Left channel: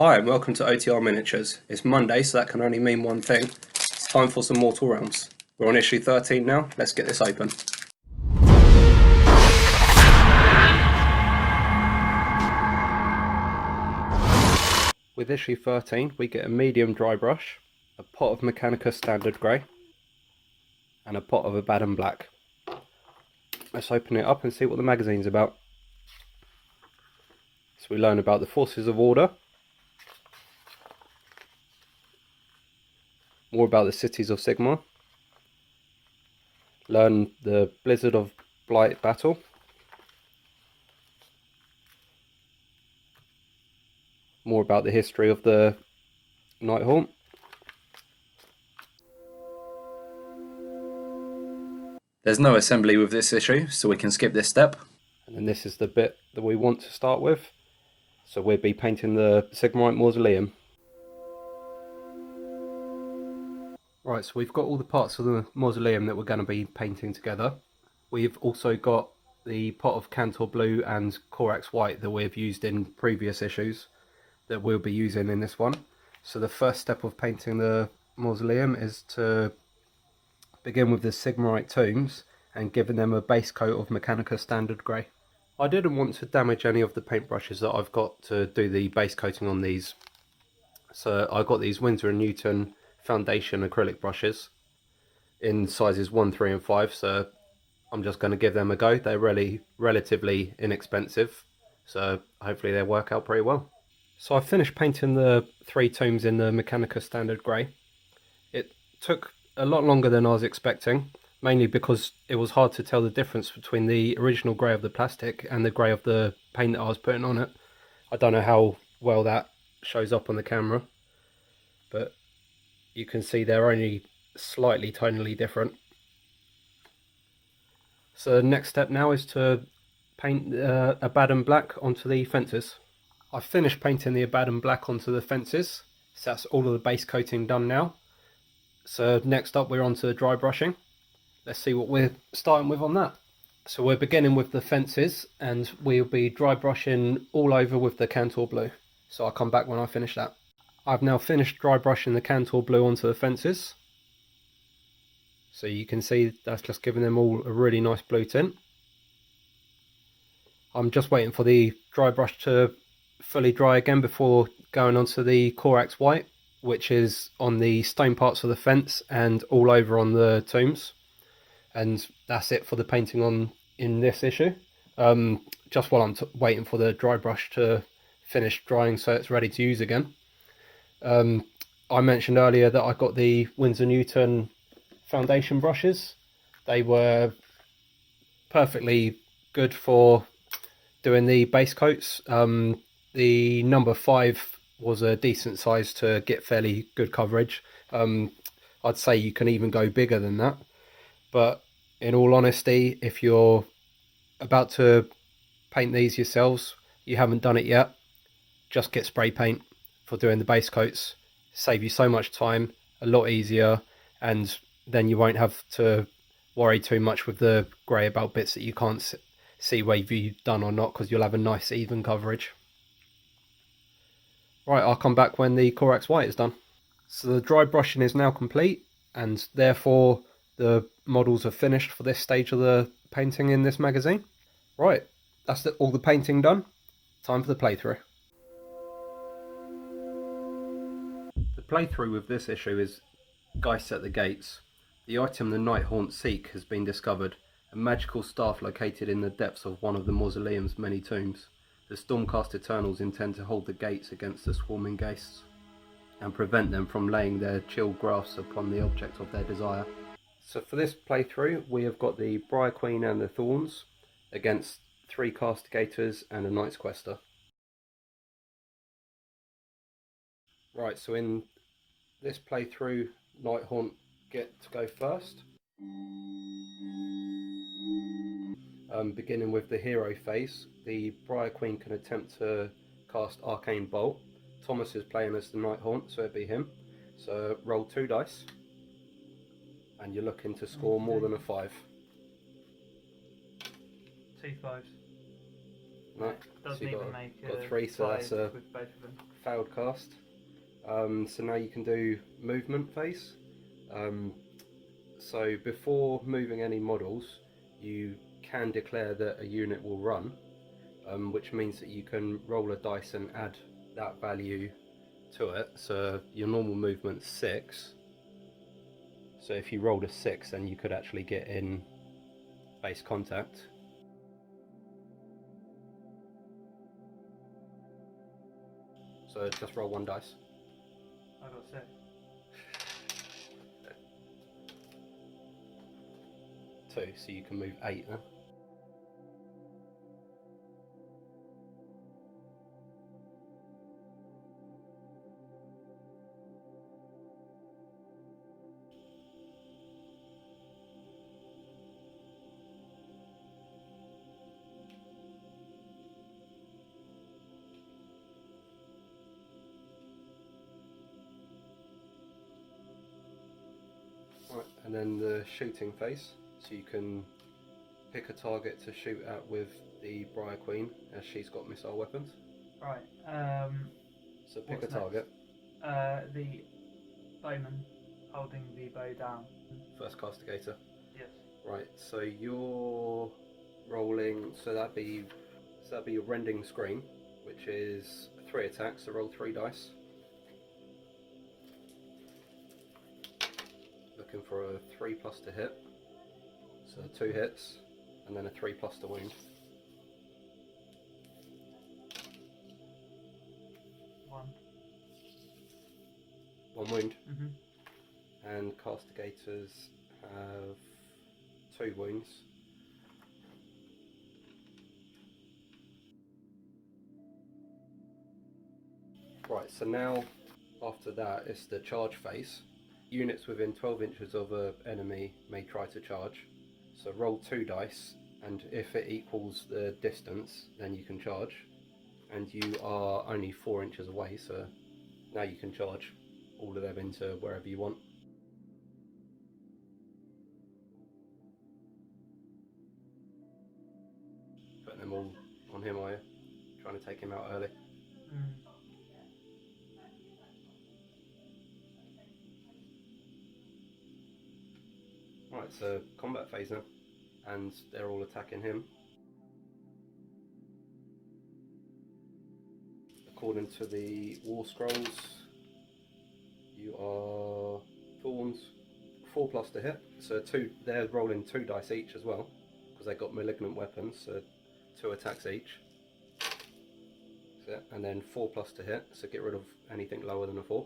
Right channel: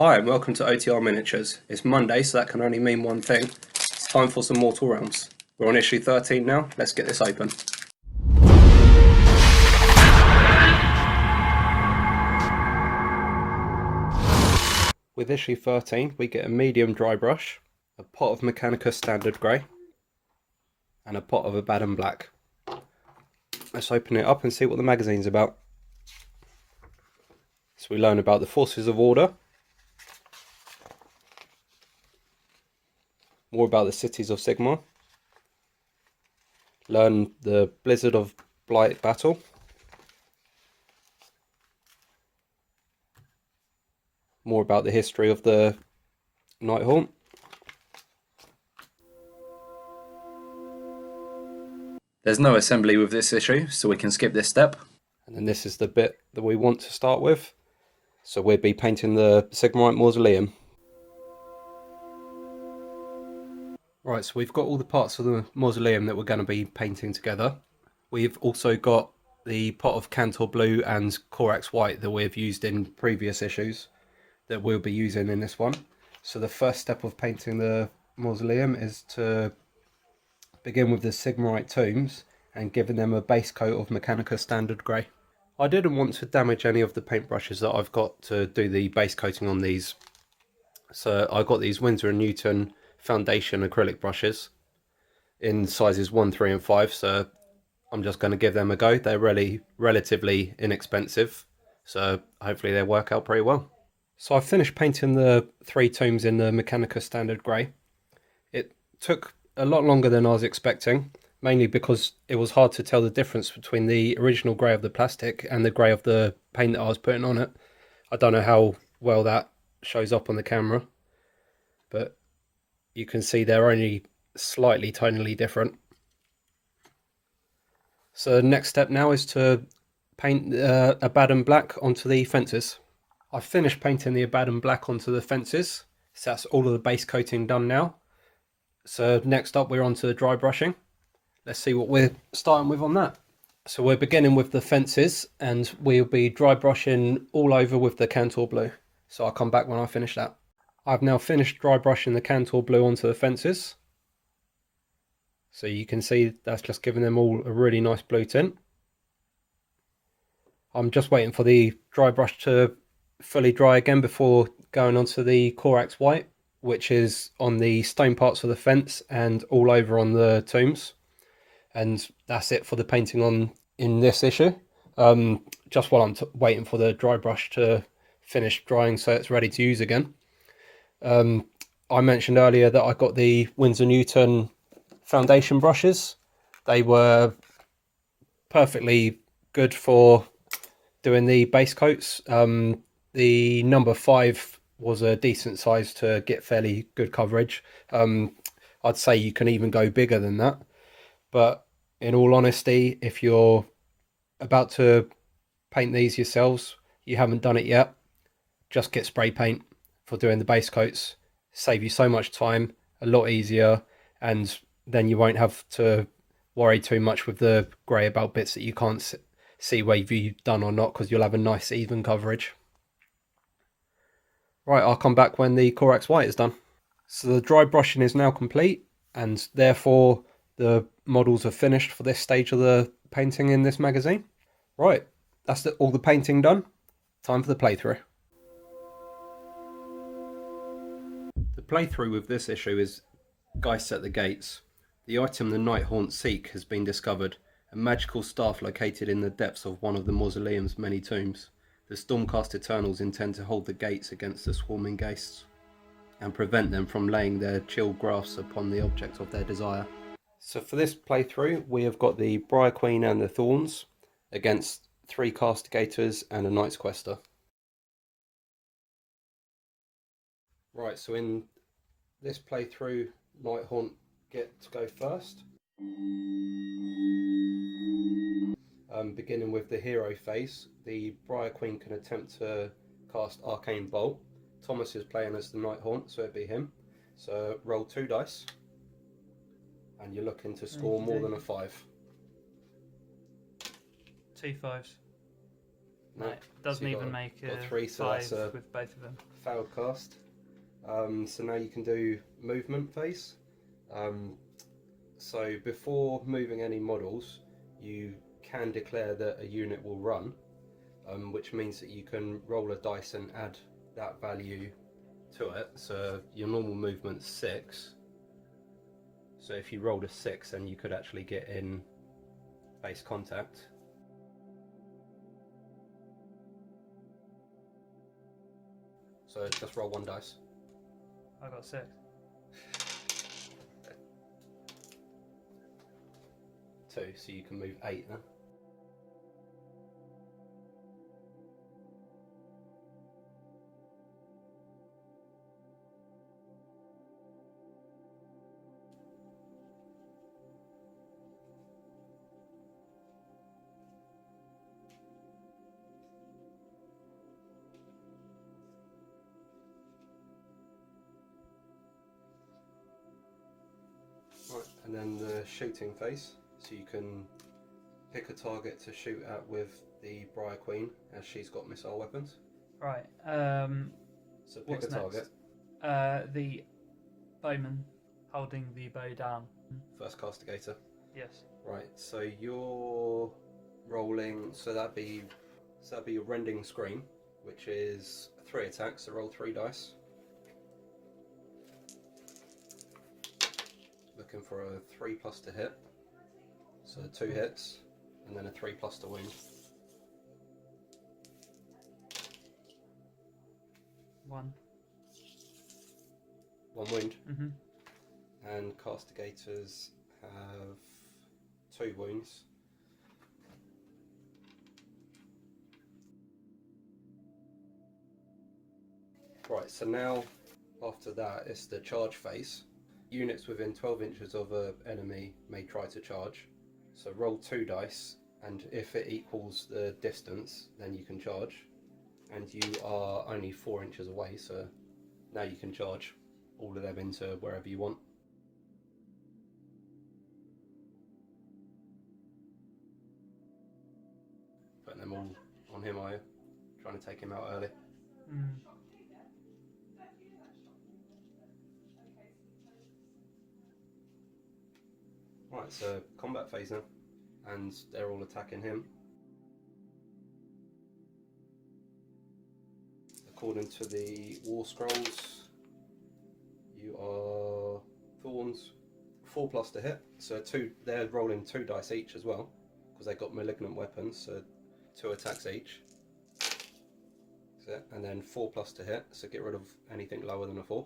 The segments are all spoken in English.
Hi and welcome to OTR Miniatures. It's Monday, so that can only mean one thing. It's time for some Mortal Realms. We're on issue 13 now. Let's get this open. With issue 13, we get a medium dry brush, a pot of Mechanica Standard Grey, and a pot of Abaddon Black. Let's open it up and see what the magazine's about. So we learn about the Forces of Order, more about the cities of Sigmar, learn the Blizzard of Blight battle, more about the history of the Nighthaunt, There's no assembly with this issue, so we can skip this step. and then this is the bit that we want to start with. So we'll be painting the Sigmarite Mausoleum. Right, so we've got all the parts of the mausoleum that we're going to be painting together. We've also got the pot of Cantor Blue and Corax White that we've used in previous issues that we'll be using in this one. So the first step of painting the mausoleum is to begin with the Sigmarite tombs and giving them a base coat of Mechanica Standard Grey. I didn't want to damage any of the paintbrushes that I've got to do the base coating on these. So I got these Winsor & Newton foundation acrylic brushes in sizes 1, 3 and 5. So I'm just going to give them a go. They're really relatively inexpensive. So hopefully they work out pretty well. So I finished painting the 3 tombs in the Mechanica Standard Grey. It took a lot longer than I was expecting, mainly because it was hard to tell the difference between the original grey of the plastic and the grey of the paint that I was putting on it. I don't know how well that shows up on the camera, but you can see they're only slightly tonally different. So the next step now is to paint Abaddon Black onto the fences. I've finished painting the Abaddon Black onto the fences, so that's all of the base coating done now. So next up we're on to the dry brushing. Let's see what we're starting with on that. So we're beginning with the fences and we'll be dry brushing all over with the Cantor Blue. So I'll come back when I finish that. I've now finished dry brushing the Cantor Blue onto the fences. So you can see that's just giving them all a really nice blue tint. I'm just waiting for the dry brush to fully dry again before going onto the Corax White, which is on the stone parts of the fence and all over on the tombs. And that's it for the painting on in this issue. Just while I'm waiting for the dry brush to finish drying so it's ready to use again. I mentioned earlier that I got the Winsor Newton foundation brushes. They were perfectly good for doing the base coats. The number 5 was a decent size to get fairly good coverage. I'd say you can even go bigger than that, but in all honesty, if you're about to paint these yourselves, you haven't done it yet, just get spray paint for doing the base coats. Save you so much time, a lot easier, and then you won't have to worry too much with the grey about bits that you can't see whether you've done or not, because you'll have a nice even coverage. Right, I'll come back when the Corax White is done. So the dry brushing is now complete, and therefore the models are finished for this stage of the painting in this magazine. Right, that's all the painting done. Time for the playthrough. The playthrough with this issue is Geist at the Gates. The item the Nighthaunt seek has been discovered, a magical staff located in the depths of one of the mausoleum's many tombs. The Stormcast Eternals intend to hold the gates against the swarming Geists and prevent them from laying their chill grasp upon the object of their desire. So for this playthrough, we have got the Briar Queen and the Thorns against 3 Castigators and a Knight-Questor. Right, so in this playthrough, Nighthaunt get to go first. Beginning with the hero phase, the Briar Queen can attempt to cast Arcane Bolt. Thomas is playing as the Nighthaunt, so it'd be him. So roll 2 dice, and you're looking to score more than a 5. 2 5s. No, Doesn't so even make got 3, so that's with both of them. failed cast. So now you can do movement phase. So before moving any models, you can declare that a unit will run, which means that you can roll a dice and add that value to it. So your normal movement's 6. So if you rolled a 6, then you could actually get in base contact. So just roll 1 dice. I got 6. 2, so you can move 8 then. Right, and then the shooting phase. So you can pick a target to shoot at with the Briar Queen, as she's got missile weapons. Right. So pick What's a target. The bowman holding the bow down. First castigator. Yes. Right, so you're rolling. So that'd be a rending scream, which is 3 attacks. So roll 3 dice. Looking for a 3+ to hit. So 2 hits, and then a 3+ to wound. 1. 1 wound. Mhm. And castigators have 2 wounds. Right, so now after that it's the charge phase. Units within 12 inches of an enemy may try to charge. So roll 2 dice, and if it equals the distance, then you can charge. And you are only 4 inches away, so now you can charge all of them into wherever you want. Putting them all on him, are you? Trying to take him out early. Mm. Right, so combat phase now, and they're all attacking him. According to the War Scrolls, you are Thorns, 4+ to hit. So they're rolling 2 dice each as well, because they got malignant weapons, so 2 attacks each. And then 4+ to hit, so get rid of anything lower than a 4.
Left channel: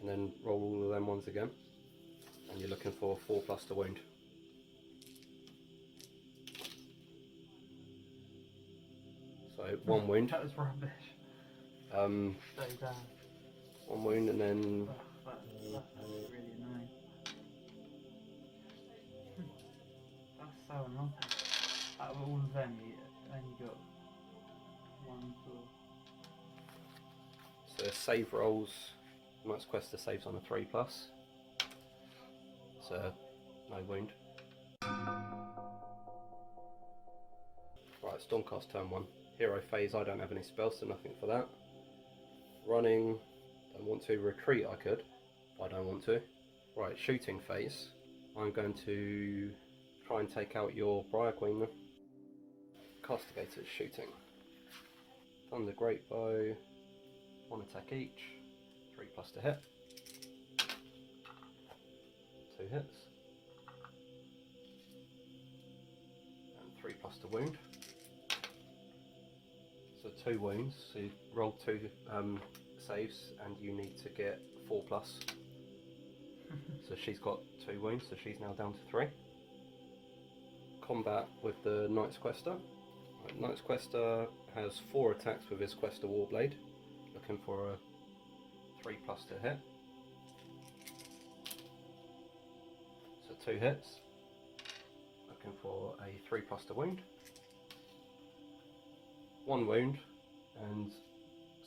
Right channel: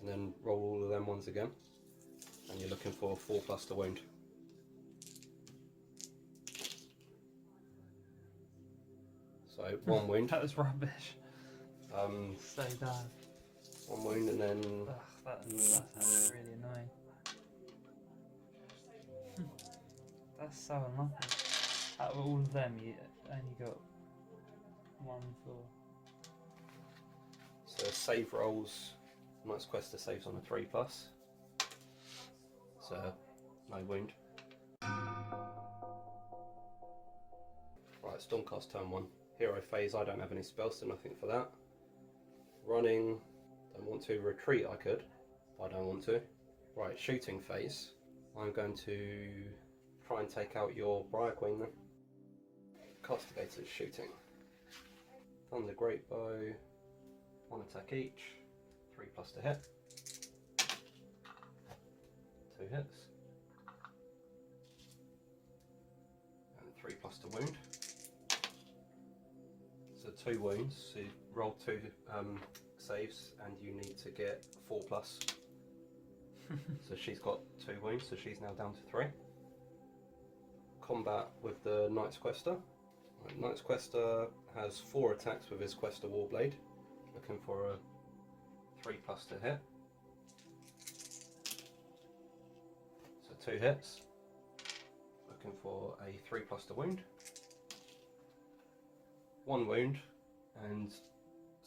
And then roll all of them ones again, and you're looking for 4+ to wound. So 1 wound. That was rubbish. So bad. 1 wound, and then Ugh, that's actually really annoying. That's so unlucky. Out of all of them, you only got 1 for. so save rolls. Knight-Questor saves on a 3+. So no wound. Right, Stormcast turn 1. Hero phase, I don't have any spells, so nothing for that. Running, don't want to. Retreat I could, but I don't want to. Right, shooting phase. I'm going to try and take out your Briar Queen then. Castigators shooting. Thunder Great Bow, 1 attack each, 3+ to hit. 2 hits. And 3+ to wound. So 2 wounds, so you roll 2 saves, and you need to get 4+. So she's got 2 wounds, so she's now down to 3. Combat with the Knight-Questor. Right, Knight-Questor has 4 attacks with his Questor Warblade, looking for a 3+ to hit. So 2 hits, looking for a 3+ to wound. 1 wound, and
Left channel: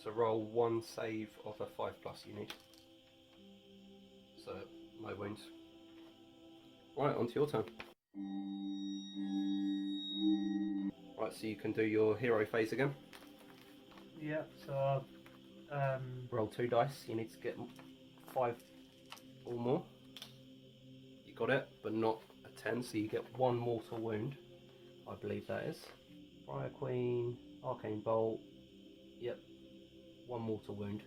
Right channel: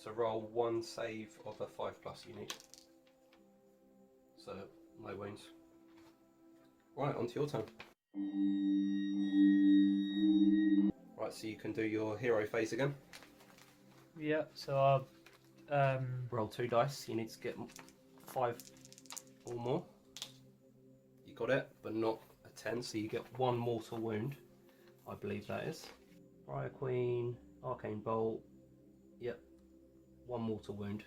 so roll 1 save of a 5+ you need. So no wounds. Right, onto your turn. Right, so you can do your hero phase again. Yeah, so I'll Roll 2 dice. You need to get 5 or more. You got it, but not a 10, so you get 1 mortal wound. I believe that is. Briar Queen, Arcane Bolt. Yep, 1 mortal wound.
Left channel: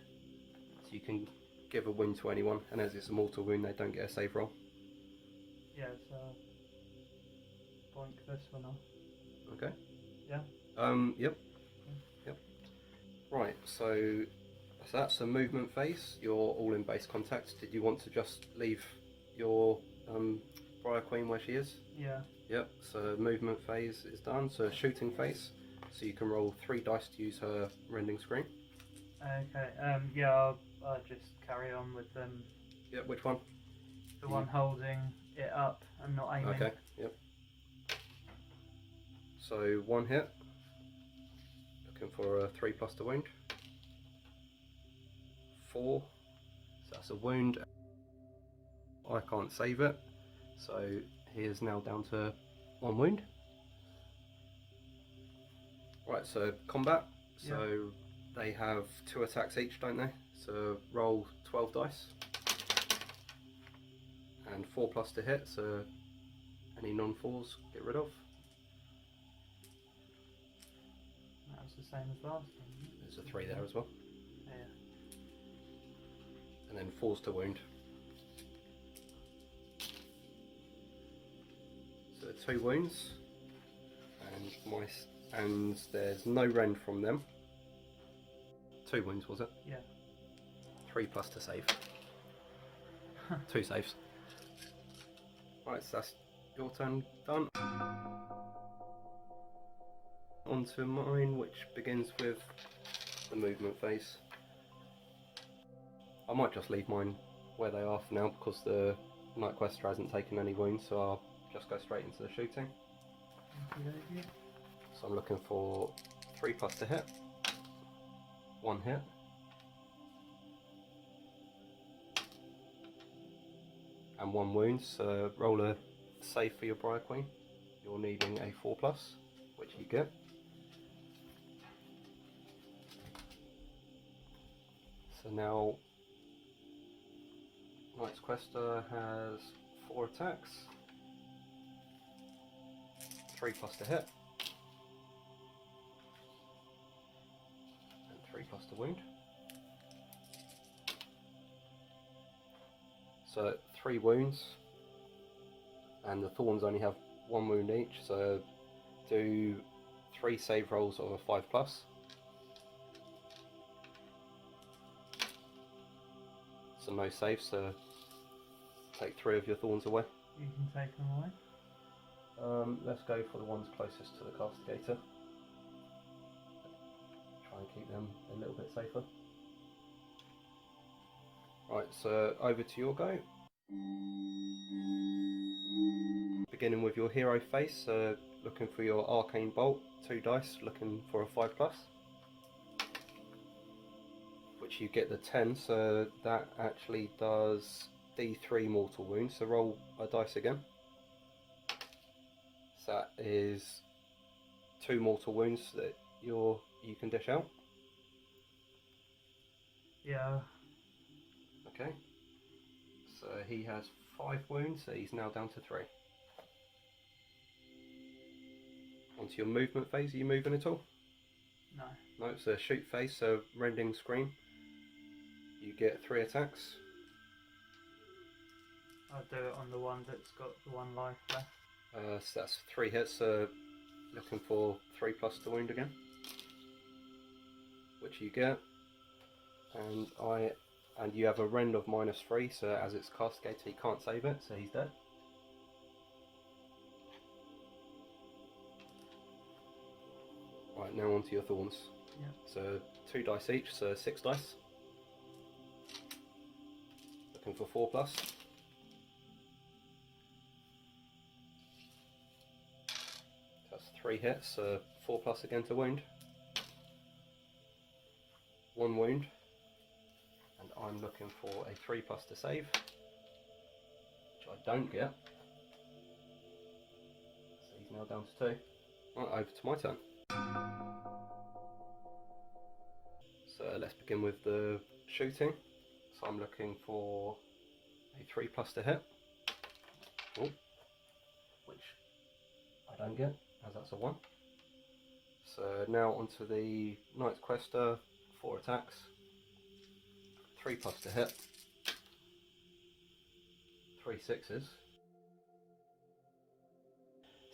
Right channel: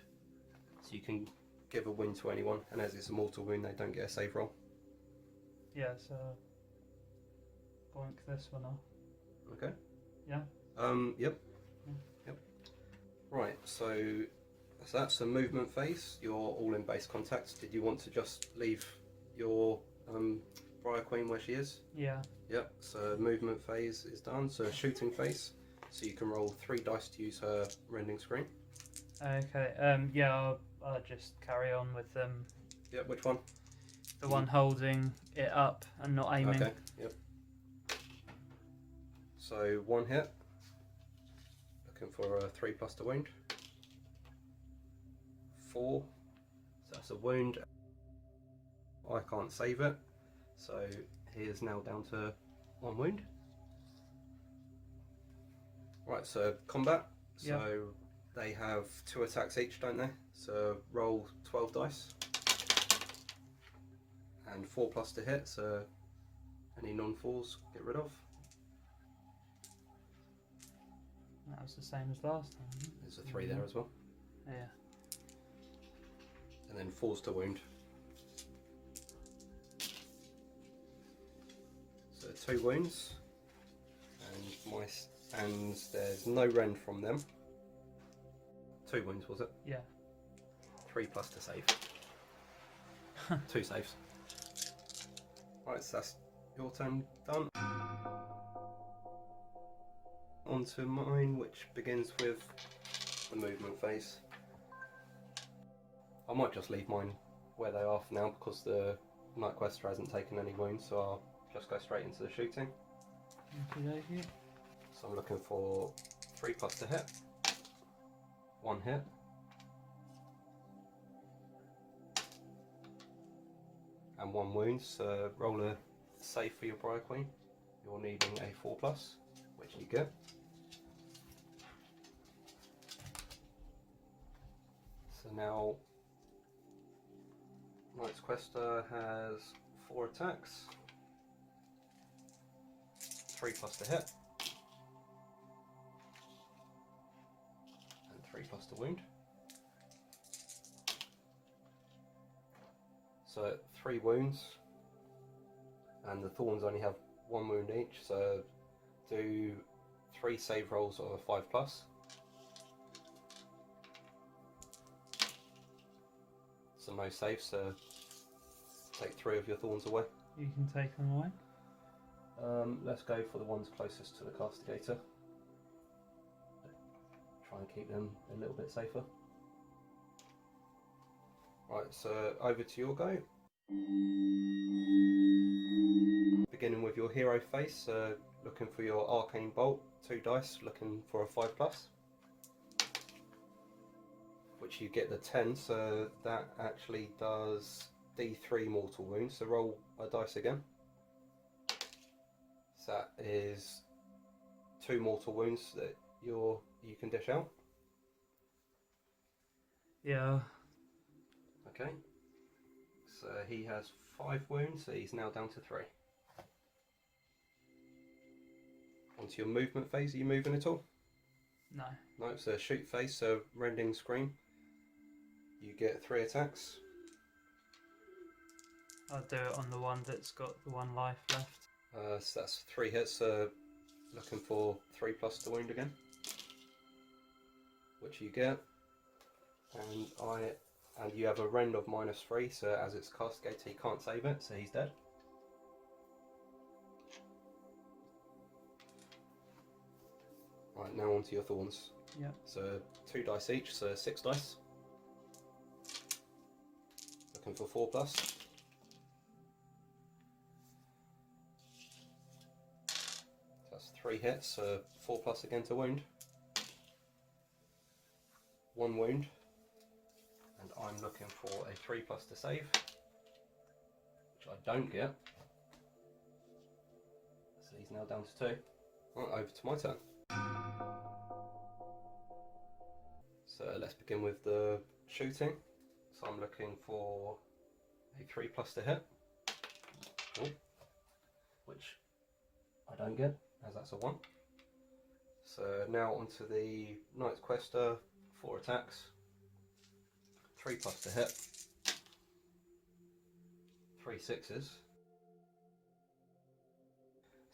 So you can give a wound to anyone, and as it's a mortal wound, they don't get a save roll. yeah, so boink this one off. Okay. Yeah. Yep. Yeah. Yep. Right, so that's the movement phase. You're all in base contact. Did you want to just leave your Briar Queen where she is? Yeah. Yep, so movement phase is done. So shooting phase. So you can roll 3 dice to use her rending screen. Okay. Yeah, I'll just carry on with Yep, which one? the one holding it up and not aiming. Okay, yep. So 1 hit. Looking for a 3+ to wound. 4. So that's a wound. I can't save it. So he is now down to 1 wound. Right, so combat. So they have 2 attacks each, don't they? So roll 12 dice. And 4+ to hit, so any non-4s get rid of. That was the same as last time. There's a 3 there as well. Yeah. And then 4s to wound. So 2 wounds. And there's no rend from them. 2 wounds, was it? Yeah. 3+ to save. 2 saves. Right, so that's your turn done. On to mine, which begins with the movement phase. I might just leave mine where they are for now because the Knight-Questor hasn't taken any wounds, so I'll just go straight into the shooting. Okay. So I'm looking for 3+ to hit, 1 hit, and 1 wound. So roll a save for your Briar Queen. You're needing a 4+, which you get. So now Knight-Questor has 4 attacks, 3+ to hit, and 3+ to wound. So 3 wounds, and the Thorns only have 1 wound each, so do 3 save rolls of a 5+. So no saves, so take 3 of your Thorns away. You can take them away. Let's go for the ones closest to the Castigator. Try and keep them a little bit safer. Right, so over to your go. Beginning with your hero face, looking for your Arcane Bolt, 2 dice, looking for a 5+. Which you get the 10, so that actually does D3 mortal wounds. So roll a dice again. So that is 2 mortal wounds that you can dish out. Yeah. Okay. So he has 5 wounds, so he's now down to 3. Onto your movement phase, are you moving at all? No. No, it's a shoot phase, so rending scream. You get 3 attacks. I'll do it on the one that's got the 1 life left. So that's 3 hits, looking for 3+ to wound again. Which you get. And you have a rend of -3, so as it's Castigator he can't save it, so he's dead. Right, now onto your Thorns. Yeah. So 2 dice each, so 6 dice. Looking for 4+. That's 3 hits, so 4+ again to wound. 1 wound. And I'm looking for a 3+ to save, which I don't get. So he's now down to 2. Right, over to my turn. So let's begin with the shooting. So I'm looking for a 3+ to hit. Ooh. Which I don't get, as that's a 1. So now onto the Knight-Questor, 4 attacks, 3+ to hit, 3 6s.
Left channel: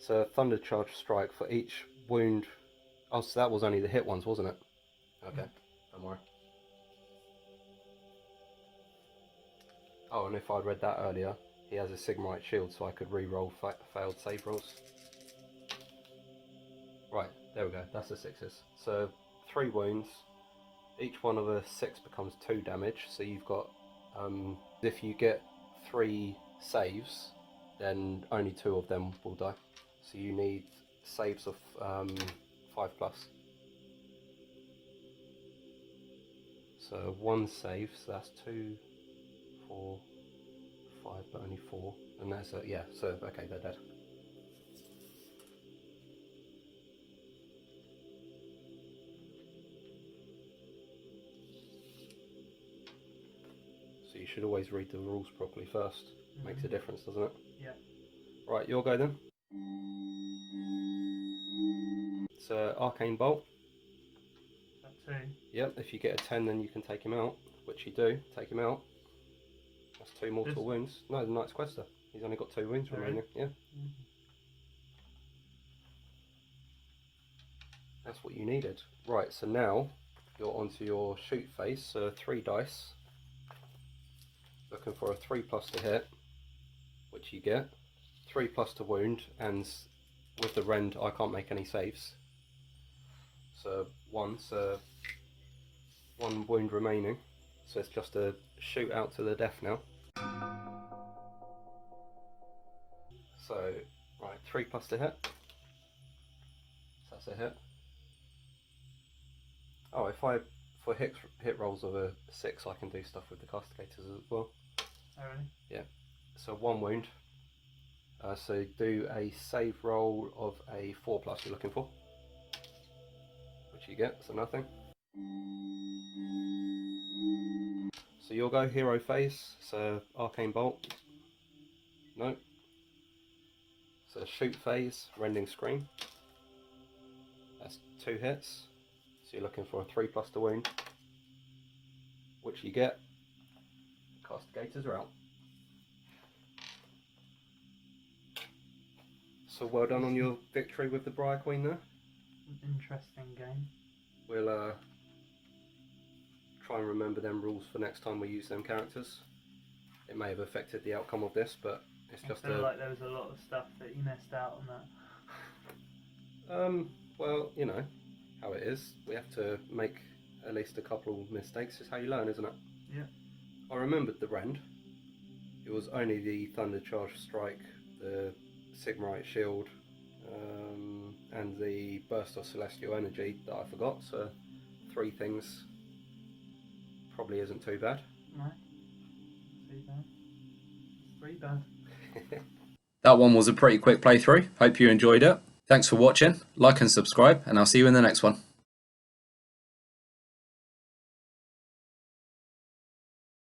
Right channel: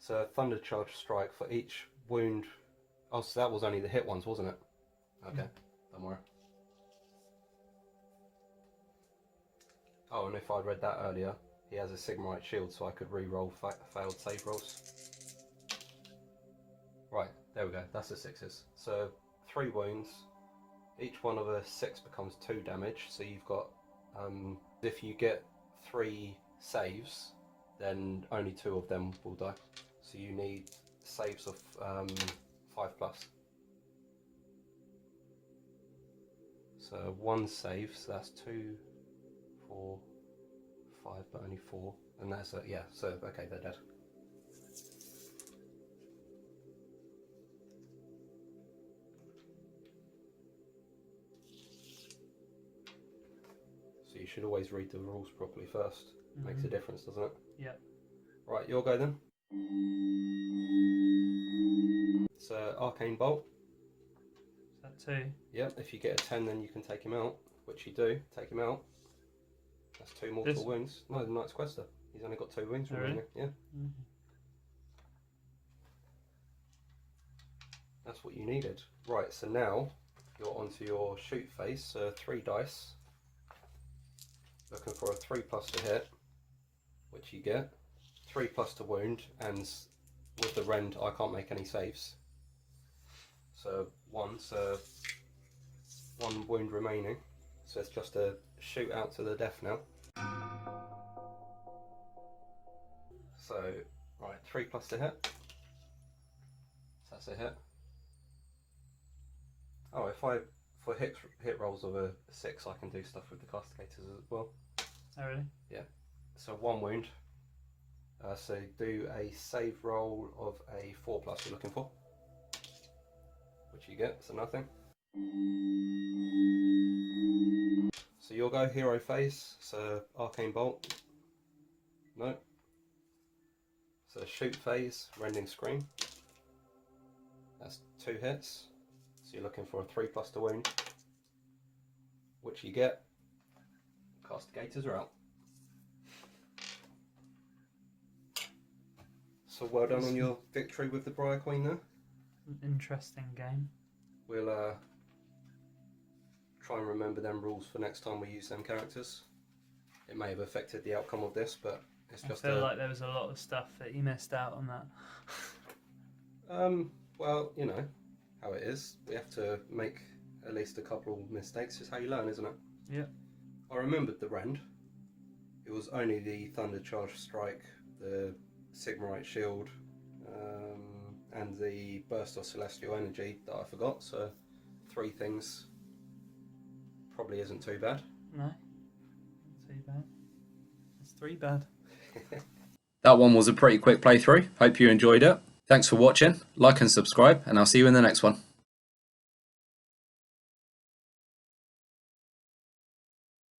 So Thunder Charge Strike for each wound. Oh, so that was only the hit ones, wasn't it? Okay, don't worry. Oh, and if I'd read that earlier, he has a Sigmarite shield, so I could re-roll failed save rolls. Right, there we go, that's the 6s. So 3 wounds, each one of a 6 becomes 2 damage, so you've got, if you get 3 saves, then only 2 of them will die. So you need saves of 5+. So 1 save, so that's 2, 4, 5, but only 4, and that's yeah. So okay, they're dead. So you should always read the rules properly first. Makes a difference, doesn't it? Yep. Right, your go then. So Arcane Bolt. Is that 2? Yep. If you get a 10, then you can take him out, which you do. Take him out. That's 2 mortal wounds. No, the Knight-Questor. He's only got 2 wounds remaining. Yeah. That's what you needed. Right, so now you're onto your shoot phase. So 3 dice. Looking for a 3+ to hit, which you get. 3+ to wound, and with the rend I can't make any saves. So 1, so 1 wound remaining. So it's just a shoot out to the death now. So, right, 3+ to hit. So that's a hit. Oh, for hit rolls of a 6, I can do stuff with the Castigators as well. Oh really? Yeah. So 1 wound. So do a save roll of a 4+ you're looking for, which you get, so nothing. So you'll go hero phase, so Arcane Bolt. No. So shoot phase, Rending Scream. That's 2 hits. So you're looking for a 3+ to wound, which you get. Castigators are out. So well done on your victory with the Briar Queen there. Interesting game. We'll try and remember them rules for next time we use them characters. It may have affected the outcome of this, but it's just I feel like there was a lot of stuff that you missed out on that. Well, you know how it is. We have to make at least a couple of mistakes. It's how you learn, isn't it? Yeah. I remembered the rend. It was only the Thunder Charge Strike, the Sigmarite Shield, and the Burst of Celestial Energy that I forgot. So 3 things probably isn't too bad. No. Too bad. It's 3 bad. That one was a pretty quick playthrough. Hope you enjoyed it. Thanks for watching. Like and subscribe, and I'll see you in the next one.